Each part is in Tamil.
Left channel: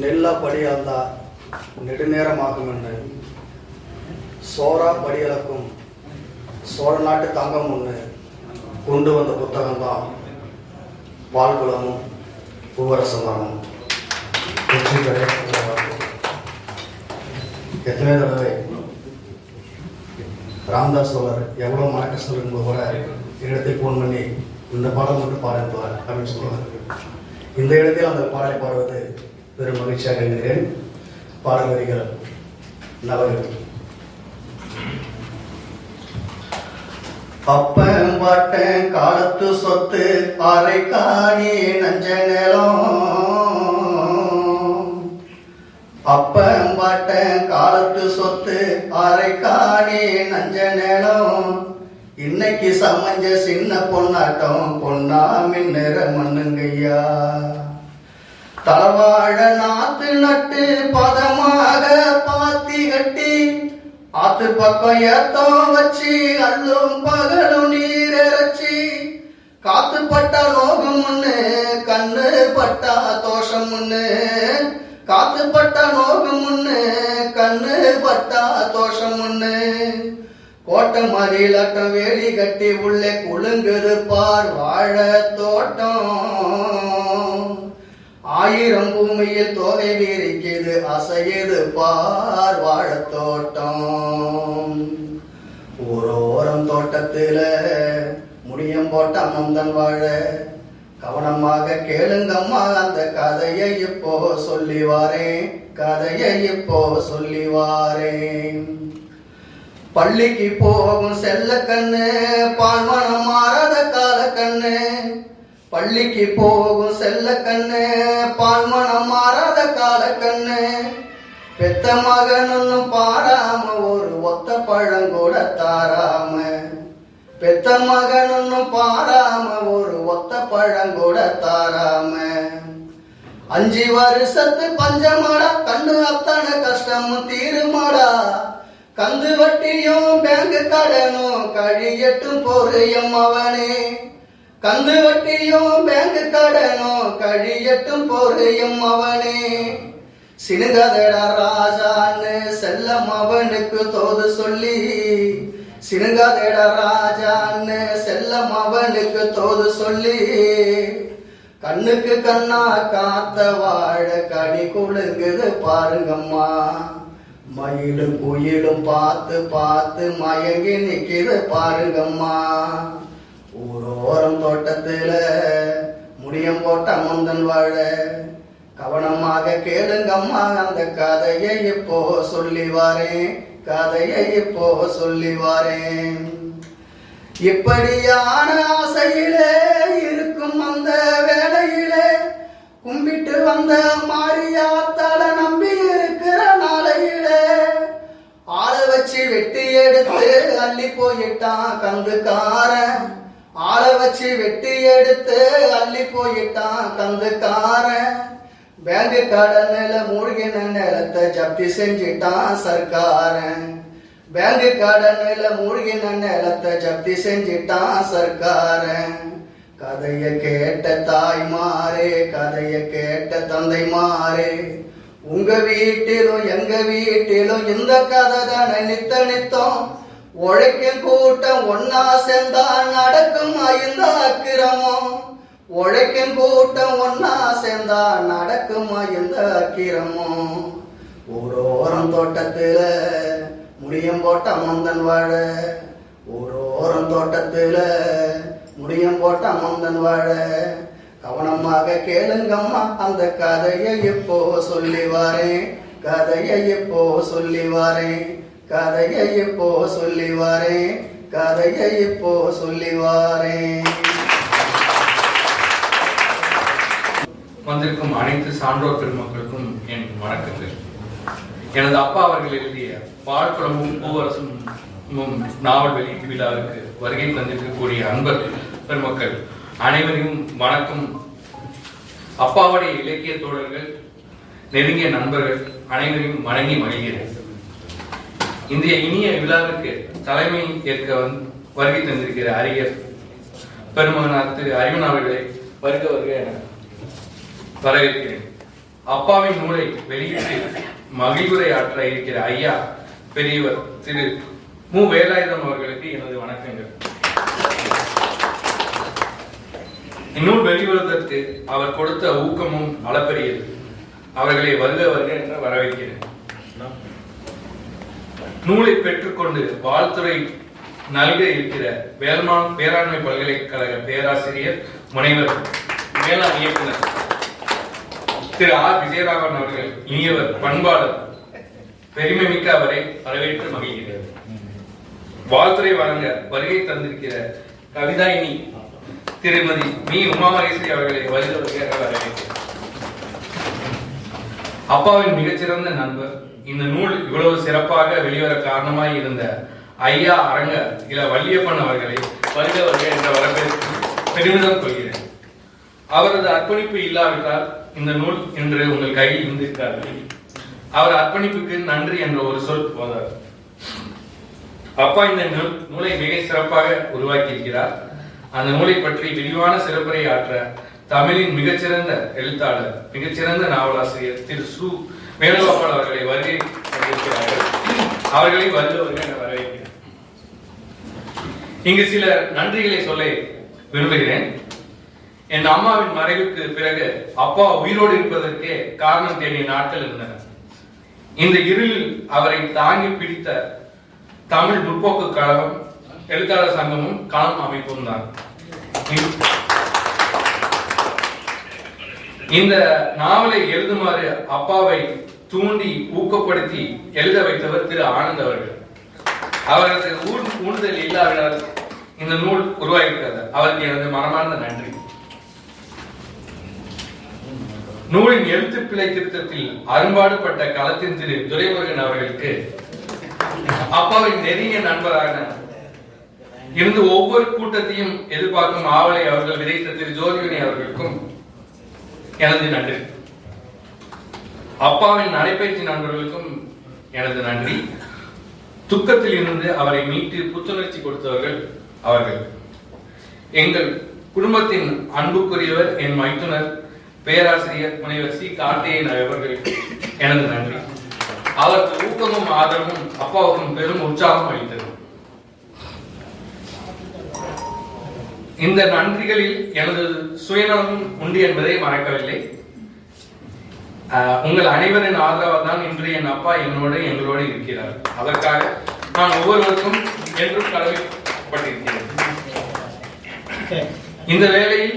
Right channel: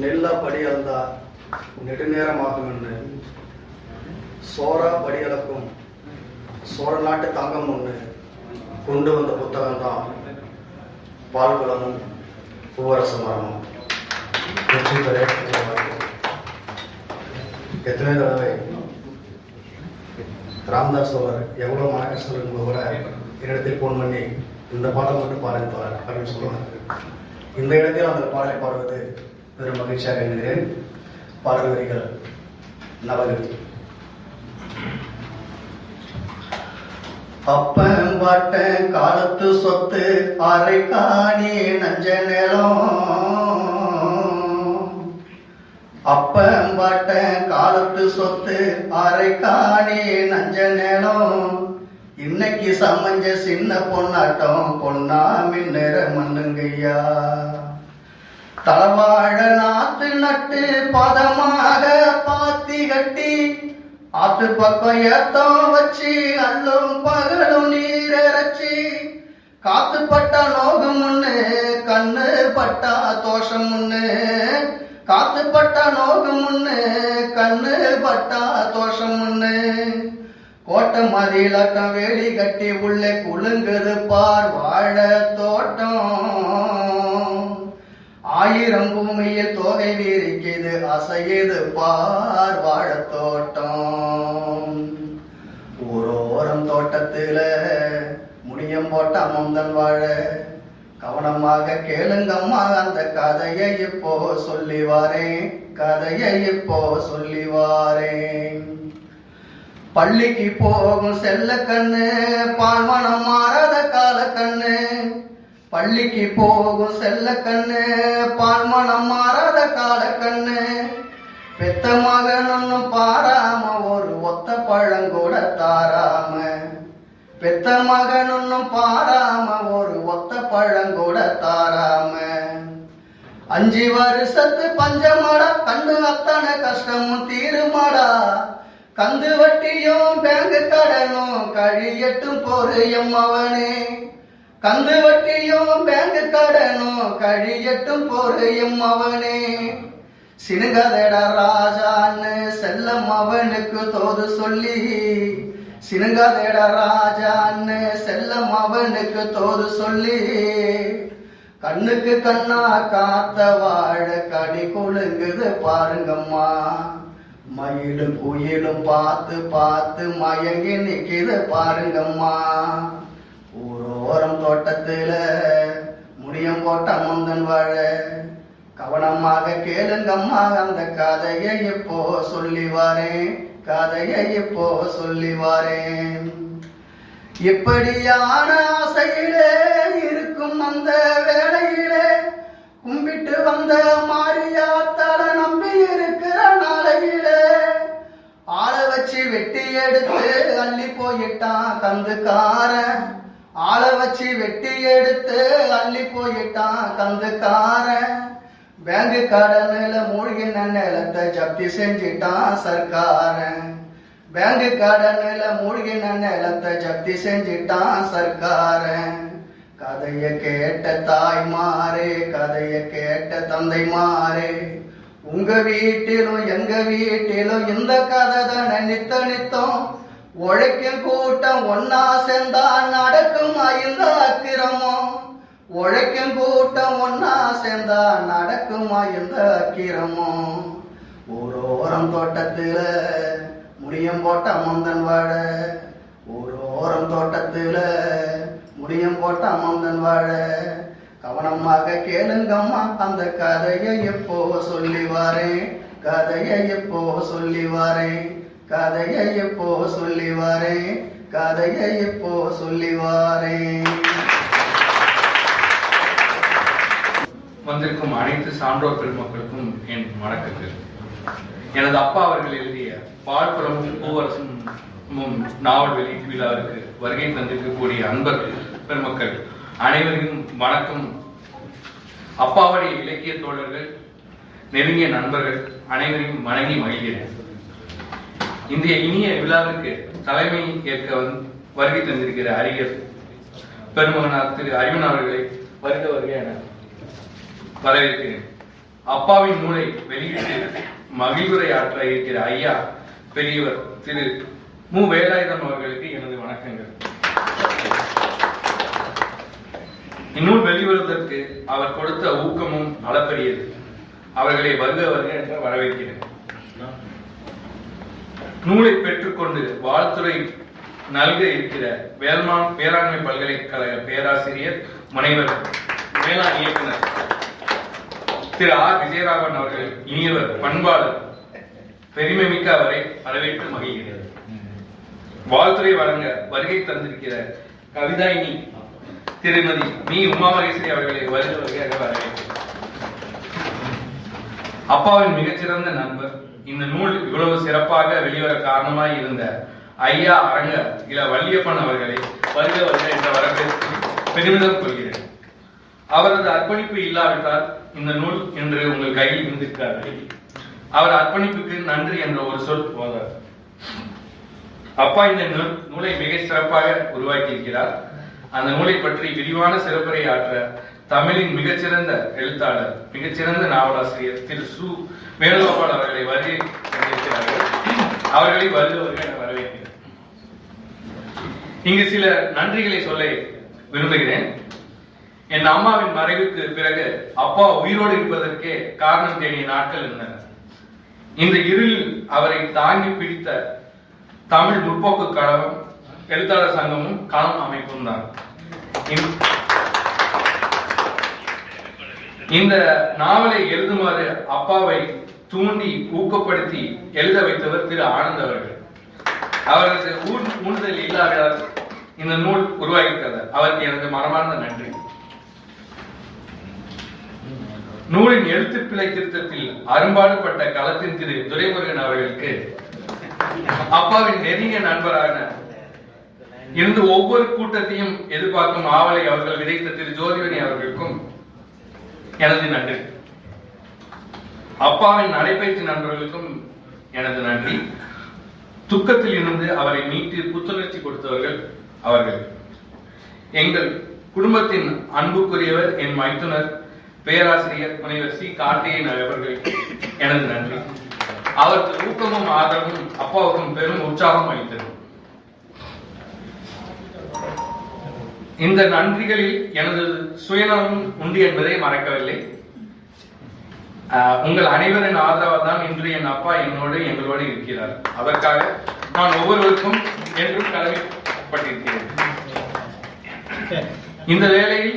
நெல்லா படியளந்தா நெடுநேரமாகும் என்று சோரா படியளக்கும் சோழ நாட்டு தங்கம் ஒன்று கொண்டு வந்த புத்தகம்தான் பால்குளமும் பூவரசமரமும். வெற்றி பெற எத்தனை தடவை ராம்தாஸ் அவர் எவ்வளோ மனக்கஷ்டம் இருக்கும்போது கூட என்னிடத்தில் ஃபோன் பண்ணி இந்த பாடம் மட்டும் பாடுவார் அப்படின்னு சொல்லுவார். இந்த இடத்தில் அந்த பாடலை பாடுவது பெரும் மகிழ்ச்சியாக என்கிறேன். பாடல் வரிகள் நவகவி. அப்பன் பாட்டன் காலத்து சொத்து அரைக்காணி நஞ்ச நிலம். அப்பன் பாட்டன் காலத்து சொத்து அரைக்காணி நஞ்ச நிலம். இன்னைக்கு சமஞ்ச சின்ன பொன்னாட்டம் பொன்னா மின்னுற மண்ணுங்கய்யா. தலவாழ நாத்து நட்டு பதமாக பாத்தி கட்டி ஆத்து பக்கம் ஏத்தம் வச்சு அல்லும் பகலும் நீர் இறைச்சி காத்து பட்டா நோகம் ஒண்ணு கண்ணு பட்டா தோஷம் ஒண்ணு. காத்து பட்டா நோகம் ஒண்ணு கண்ணு பட்டா தோஷம் ஒண்ணு. கோட்டை மதிலாட்டம் வேலி கட்டி உள்ளே குலுங்குது பார் வாழ தோட்டம். ஆயிரம் பூமியில் தோகை வீரிக்குது அசையுது பார் வாழ தோட்டம். ஊரோரம் தோட்டத்துல முடியம் போட்ட முந்தன் வாழ. கவனமாக கேளுங்கம்மா அந்த கதையை இப்போ சொல்லி வாரேன். கதையை இப்போ சொல்லி வாரேன். பள்ளிக்கு போகும் செல்ல கண்ணு பால்மனம் மாறாத கால கண்ணு. பள்ளிக்கு போகும் செல்ல கண்ணு பால்மனம் மாறாத கால கண்ணு. பெத்த மகன் ஒன்னும் பாராம ஒரு ஒத்த பழங்கூட தாராம. பெத்த மகன் ஒன்னும் பாராம ஒரு ஒத்த பழங்கூட தாராம. 5 வருஷத்து பஞ்சமாடா கண்ணு அத்தனை கஷ்டமும் தீருமாடா. கந்து வட்டியும் பேங்கு கடனும் கழியட்டும் பொறையும் அவனே. கந்து வட்டியும் பேங்கு கடனும் கழியட்டும் பொறையும் அவனே. சினுங்கதடா ராஜான்னு செல்லம் அவனுக்கு தோது சொல்லி. சினுங்கதடா ராஜான்னு செல்லம் அவனுக்கு தோது சொல்லி. கண்ணுக்கு கண்ணா காத்த வாழ கடி கொழுங்குது பாருங்கம்மா. மயிலும் குயிலும் பார்த்து பார்த்து மயங்கி நிக்கிது பாருங்கம்மா. ஊரோரம் தோட்டத்துல முடியம் போட்ட முந்தன் வாழ. கவனமாக கேளுங்கம்மா அந்த கதையை இப்போ சொல்லி வாரேன். கதையை இப்போ சொல்லி வாரேன். இப்படியான ஆசையிலே இருக்கும் அந்த வேளையிலே கும்பிட்டு வந்த மாரியாத்தால நம்பி இருக்கிற நாளையிலே ஆளை வச்சு வெட்டி எடுத்து அள்ளி போயிட்டான் கந்துக்காரன். ஆளை வச்சு வெட்டி எடுத்து அள்ளி போயிட்டான் கந்துக்காரன். பேங்கு கடனில மூழ்கின நிலத்தை ஜப்தி செஞ்சிட்டான் சர்க்காரன். பேங்கு கடனில மூழ்கின நிலத்தை ஜப்தி செஞ்சிட்டான் சர்க்காரன். கதைய கேட்ட தாய்மாரே கதைய கேட்ட தந்தை மாறே. உங்க வீட்டிலும் எங்க வீட்டிலும் இந்த கதை தானே நித்த நித்தம். உழைக்கும் கூட்டம் ஒன்னா சேர்ந்தா நடக்குமா இந்த அக்கிரமம். உழைக்கும் கூட்டம் ஒன்னா சேர்ந்தா நடக்குமா இந்த அக்கிரமம். ஊரோரம் தோட்டத்துல முடியம் போட்ட முந்தன் வாழ. ஊரோரம் தோட்டத்துல முடியம் போட்ட முந்தன் வாழ. கவனமாக கேளுங்கம்மா அந்த கதையை இப்போ சொல்லி வாரேன். கதையை இப்போ சொல்லி வாரேன். கதையை இப்போ சொல்லி வாரேன். கதையை இப்போ சொல்லி வாரேன். வந்திருக்கும் அனைத்து சான்றோர் பெருமக்களுக்கும் என் வணக்கங்கள். எனது அப்பா அவர்கள் எழுதிய பால்குளமும் பூவரசமும் நாவல் வெளியீட்டு விழாவிற்கு வருகை தந்திருக்கக்கூடிய அன்பர் பெருமக்கள் அனைவரையும் வணக்கம். அப்பாவுடைய இலக்கிய தோழர்கள் நெருங்கிய நண்பர்கள் அனைவரையும் வணங்கி மகிழ்கிறேன். இன்றைய இனிய விழாவிற்கு தலைமை ஏற்க வருகை தந்திருக்கிற அறிஞர் பெருமகனார் திரு அறிவன் அவர்களை வருக வருக என வரவேற்கிறேன். அப்பாவின் நூலை வெளியிட்டு மகிழ்வுரையாற்ற இருக்கிற ஐயா பெரியவர் திரு மு. வேலாயுதம் அவர்களுக்கு எனது வணக்கங்கள். இந்நூல் வெளிவருவதற்கு அவர் கொடுத்த ஊக்கமும் அளப்பரியது. அவர்களை வருக வருக என்று வரவேற்கிறேன். நூலை பெற்றுக்கொண்டு வாழ்த்துறை நல்க இருக்கிற வேல்மான் பேராண்மை பல்கலைக்கழக பேராசிரியர் முனைவர் மேலாண் இயக்குனர் திரு ஆர். விஜயராகவன் அவர்கள் இனியவர் பண்பாளர் பெருமைமிக்க அவரை வரவேற்று மகிழ்கிறேன். வாழ்த்துறை வழங்க வருகை தந்திருக்கிற கவிதாயினி திருமதி மீ. உமாமகேஸ்வரி அவர்களை வருக வருக வரவேற்கிறேன். அப்பாவின் மிகச்சிறந்த நண்பர், இந்த நூல் இவ்வளவு சிறப்பாக வெளிவர காரணமாய் இருந்த ஐயா அரங்க இள வள்ளியப்பன் அவர்களை வருக வருக என்ற வரவேற்பு பெருமிதம் கொள்கிறேன். அவரது அர்ப்பணிப்பு இல்லாவிட்டால் இந்த நூல் இன்று உங்கள் கையில் இருந்திருக்காது. அவர் அர்ப்பணிப்புக்கு நன்றி என்ற ஒரு சொல் போதார். அப்பா இந்த நூலை மிக சிறப்பாக உருவாக்கி இருக்கிறார். அந்த நூலை பற்றி விரிவான சிறப்புரை ஆற்ற தமிழின் மிகச்சிறந்த எழுத்தாளர், மிகச்சிறந்த நாவலாசிரியர் திரு சு. வேணுகோபால் அவர்களை வருகை தந்திருக்கிறார்கள். அவர்களை வருக வருக என வரவேற்கிறேன். இங்கு சில நன்றிகளை சொல்ல விரும்புகிறேன். என் அம்மாவின் மறைவுக்கு பிறகு அப்பா உயிரோடு இருப்பதற்கே காரணம் தேடிய நாட்கள் இருந்தன. இந்த இருளில் அவரை தாங்கி பிடித்த தமிழ் முற்போக்கு கழகம், எழுத்தாளர் சங்கமும் களம் அமைப்பும் தான். இந்த நாவலை எழுதுமாறு அப்பாவை தூண்டி ஊக்கப்படுத்தி எழுத வைத்தவர் திரு ஆனந்த் அவர்கள். அவரது ஊடுதல் இல்லாவிடால் இந்த நூல் உருவாகிறது. அவருக்கு எனது மனமார்ந்த நன்றி. நூலின் எழுத்துப்பிழை திருத்தத்தில் அரும்பாடுபட்ட களத்தின் திரு துரைமுருகன் அவர்களுக்கு, அப்பாவின் நெருங்கிய நண்பராக இருந்து ஒவ்வொரு கூட்டத்தையும் எதிர்பார்க்கும் ஆவலை அவர்கள் விதைத்த திரு ஜோதிவனி அவர்களுக்கும் எனது நன்றி. அப்பாவின் நடைபயிற்சி நண்பர்களுக்கும் எனது நன்றி. துக்கத்தில் இருந்து அவரை மீட்டு புத்துணர்ச்சி கொடுத்தவர்கள் அவர்கள். எங்கள் குடும்பத்தின் அன்புக்குரியவர் என் மைத்துனர் பேராசிரியர் முனைவர் சி. கார்த்திகேயன் அவர்கள் எனது நன்றி. அவருக்கு ஊக்கமும் ஆதரவும் அப்பாவுக்கும் பெரும் உற்சாகம் அளித்தது. இந்த நன்றிகளில் எனது சுயநலம் உண்டு என்பதை மறக்கவில்லை. உங்கள் அனைவரின் ஆதரவால் தான் இன்று என் அப்பா எங்களோடு இருக்கிறார். அதற்காக நான் ஒவ்வொருவருக்கும் என்றும் கடமைப்பட்டிருக்கிறேன். இந்த வேளையில்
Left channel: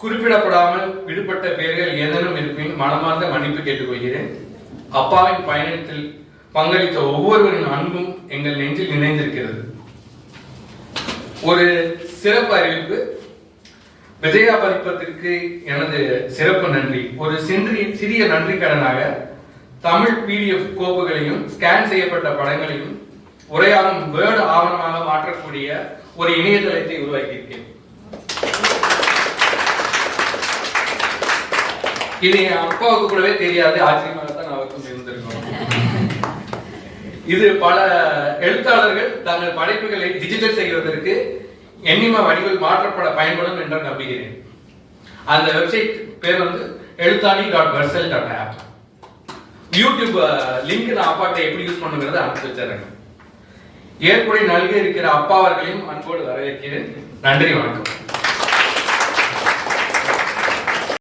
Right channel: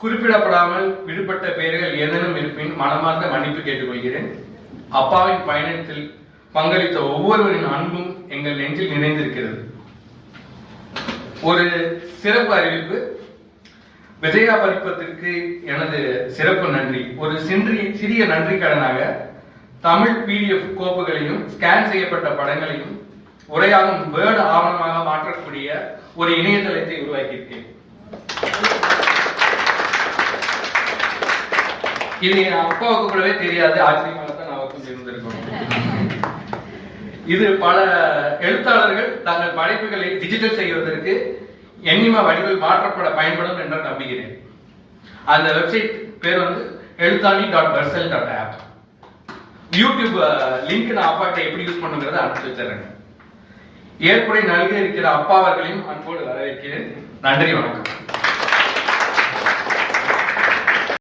குறிப்பிடப்படாமல் விடுபட்ட பெயர்கள் ஏதேனும் இருப்பின் மனமார்ந்த மன்னிப்பு கேட்டுக்கொள்கிறேன். அப்பாவின் பயணத்தில் பங்களித்த ஒவ்வொருவரின் அன்பும் எங்கள் நெஞ்சில் நினைந்திருக்கிறது. ஒரு சிறப்பு அறிவிப்பு. விஜயா பதிப்பத்திற்கு எனது சிறப்பு நன்றி. ஒரு சிறிய நன்றி கடனாக தமிழ் PDF கோப்புகளையும் ஸ்கேன் செய்யப்பட்ட படங்களையும் உரையாகும் வேர்டு ஆவணமாக மாற்றக்கூடிய ஒரு இணையதளத்தை உருவாக்கியிருக்கேன். இது என் அப்பாவுக்கு கூடவே தெரியாது. ஆச்சரியமாக தான் அவருக்கும் தெரிந்திருக்கோம். இது பல எழுத்தாளர்கள் தங்கள் படைப்புகளை டிஜிட்டல் செய்வதற்கு எண்ணிம வடிவில் மாற்றப்பட பயன்படும் என்று நம்புகிறேன். அந்த வெப்சைட் பேர் எழுத்தாணி.versal.app. யூடியூப் லிங்க் நான் அப்பா கிட்ட எப்படி யூஸ் பண்ணுங்கிறத அனுப்பிச்சு வச்சிருக்கேன். ஏற்புரை நல்க இருக்கிற அப்பா அவர்களையும் அன்போடு வரவேற்கிறேன். நன்றி, வணக்கம்.